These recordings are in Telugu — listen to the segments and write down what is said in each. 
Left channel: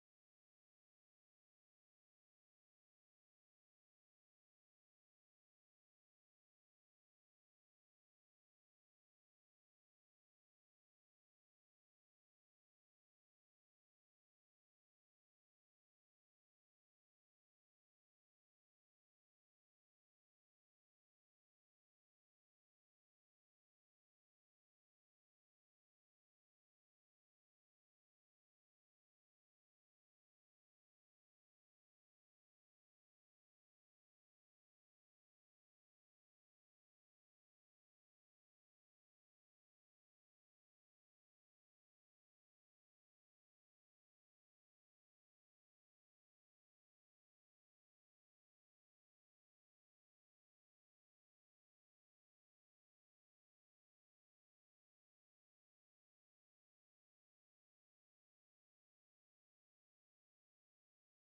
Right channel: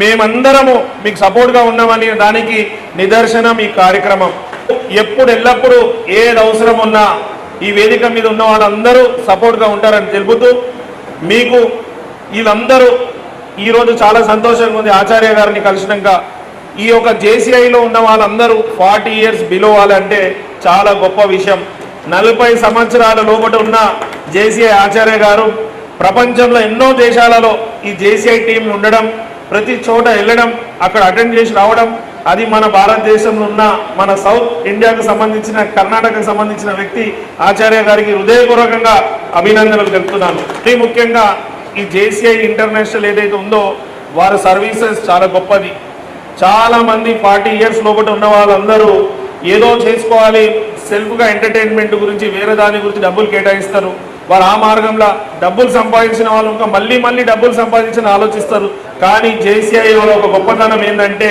మేమందరము మీకు సపోర్ట్గా ఉన్నామని దానికి నిదర్శనం ఈ కార్యక్రమం. ఎప్పుడు ఎల్లప్పుడూ ఏది అవసరం ఉన్నా ఈ వేదిక మీద ఉన్న వాళ్ళందరూ సపోర్ట్గా ఉంటారని తెలుపుతూ మీకు వీళ్ళందరూ ఈరోజు చాలా సంతోషంగా ఉంది. ఆచార్య గారిని కలిసినాక ఈ యొక్క జేసీఐలో ఉన్న వాళ్ళందరూ 40 years బిలో వాళ్ళంటే చాలా గొప్ప విషయం. 40 సంవత్సరాల లోపల ఉన్న జేసీఐ ఆచార్య గారు ప్రపంచంలో ఎన్నో దేశాలలో ఈ జేసీఐ టీం ఉండడం, ప్రతి చోట వెళ్ళడం, అక్కడ అటెండ్ చేసి రావడం, అది మన భారతదేశంలో ఉన్న మన సౌత్ ఇండియాకు సంబంధించిన కర్ణాటకకు సంబంధించిన వ్యక్తి ఆచార్య గారికి హృదయపూర్వకంగా అభినందనలు తెలుపుతున్నాను. అతి ముఖ్యంగా ఈ జేసీఐ ఇంటర్నేషనల్ ఏదైతే ఉందో వారి సర్వీసెస్ చాలా గొప్పది. చాలామంది 40 years లోపల ఉన్న వాళ్ళందరూ ఏదో చేసుకోవాలి, సెల్ఫ్గా ఎంటర్టైన్మెంట్ గురించి వేరే దాని గురించి డబ్బులు కేటాయిస్తారు. వారు ఆ మార్గంలో డబ్బులు సంపాదించిన వాళ్ళు ఇంకా మళ్ళీ డబ్బులు సంపాదించిన ఆలోచిస్తారు. కానీ జేసీఐ ఒక గొప్పతనం ఏంటంటే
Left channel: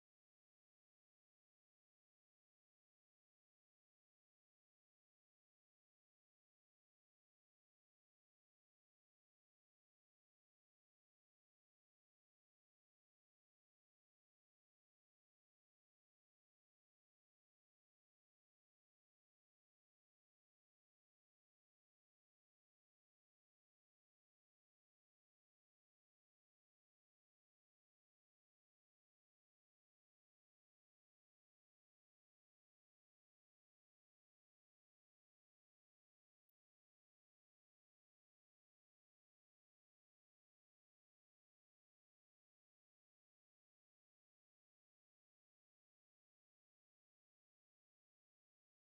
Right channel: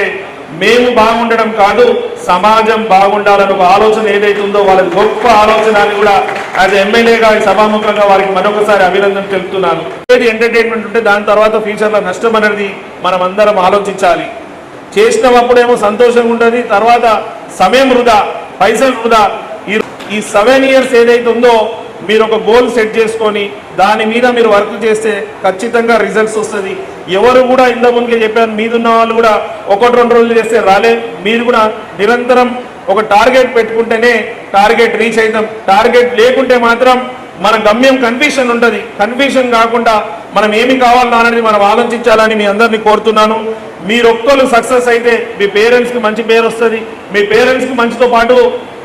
మేము బాగుండడం కాదు, సమాజం బాగుండాలని ఒక ఆలోచన ఏదైతే ఉందో వాళ్ళకి గొప్ప ఆలోచన అని కూడా యాజ్ ఎమ్మెల్యేగా సభాముఖంగా వారికి మరొకసారి అభినందన తెలుపుతున్నాను. ఏది ఎంటర్టైన్మెంట్ ఉంటే దాని తర్వాత ఫ్యూచర్లో నష్టం అనేది మనం అందరం ఆలోచించాలి. చేసినప్పుడేమో సంతోషంగా ఉంటుంది, తర్వాత సమయం వృధా, పైసలు వృధా. ఈ 7 years ఏదైతే ఉందో మీరు ఒక గోల్ సెట్ చేసుకొని దాని మీద మీరు వర్క్ చేస్తే ఖచ్చితంగా రిజల్ట్స్ వస్తుంది. ఎవరు కూడా ఇంత ముందుకే చెప్పాను, మీదున్న వాళ్ళు కూడా 1-2 రోజులు చేస్తే రాలే. మీరు కూడా నిరంతరం ఒక టార్గెట్ పెట్టుకుంటేనే టార్గెట్ రీచ్ అవుతాం. టార్గెట్ లేకుంటే మాత్రం మన గమ్యం కన్ఫ్యూషన్ ఉంటుంది. కన్ఫ్యూషన్ కాకుండా మనం ఏమి కావాలన్నా అనేది మనం ఆలోచించాలని మీ అందరినీ కోరుతున్నాను. మీరు ఒక్కరు సక్సెస్ అయితే మీ పేరెంట్స్కి మంచి పేరు వస్తుంది, మీ పేరెంట్స్కి మంచితో పాటు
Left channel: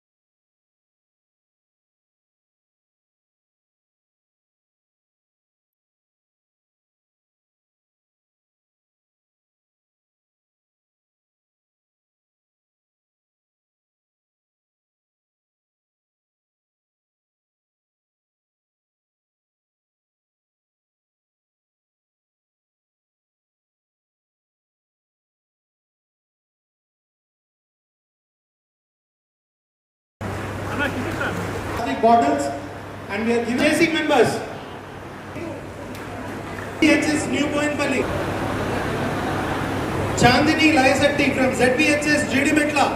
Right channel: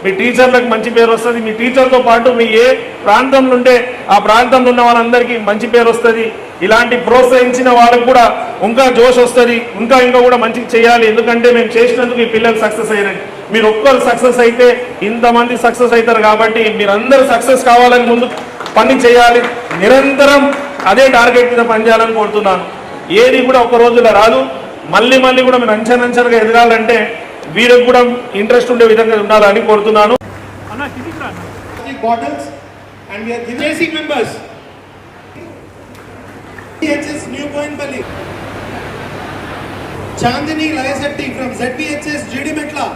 మీ టీచర్లకు మంచి పేరు వస్తుంది, మీ టీచర్తో పాటు మీ ఏ ప్రాంతంలో ఉంటే ఆ ప్రాంతంలో ఉన్న వాళ్ళందరికీ మంచి పేరు వస్తుంది. ఇలాంటి ప్రోత్సహించిన వాళ్ళకు కూడా ఇంకా జోష్ వస్తుంది, ఇంకా కూడా మంచిగా చేయాలి. ఎందుకంటే మేము చేసినందుకు ఈ పిల్లలు సక్సెస్ అయ్యారు. మీరు ఒక్కరు సక్సెస్ అయితే ఇంతమంది సక్సెస్ అవుతారు. కాబట్టి మీరందరూ సక్సెస్ కావాలని ముందు పని చేయాలి, నిరంతరం అదే టార్గెట్ మీద పనిచేయాలని కోరుతున్నాను. ఏది కూడా ఒక రోజులో రాదు, మళ్ళీ కూడా మీరు అంచెలంచెలుగా ఎదగాలంటే వీరికి కూడా ఇంట్రెస్ట్ ఉండే విధంగా ఉండాలని కోరుతున్నాను. Chandini Layasetti from ZBHS GD Metla.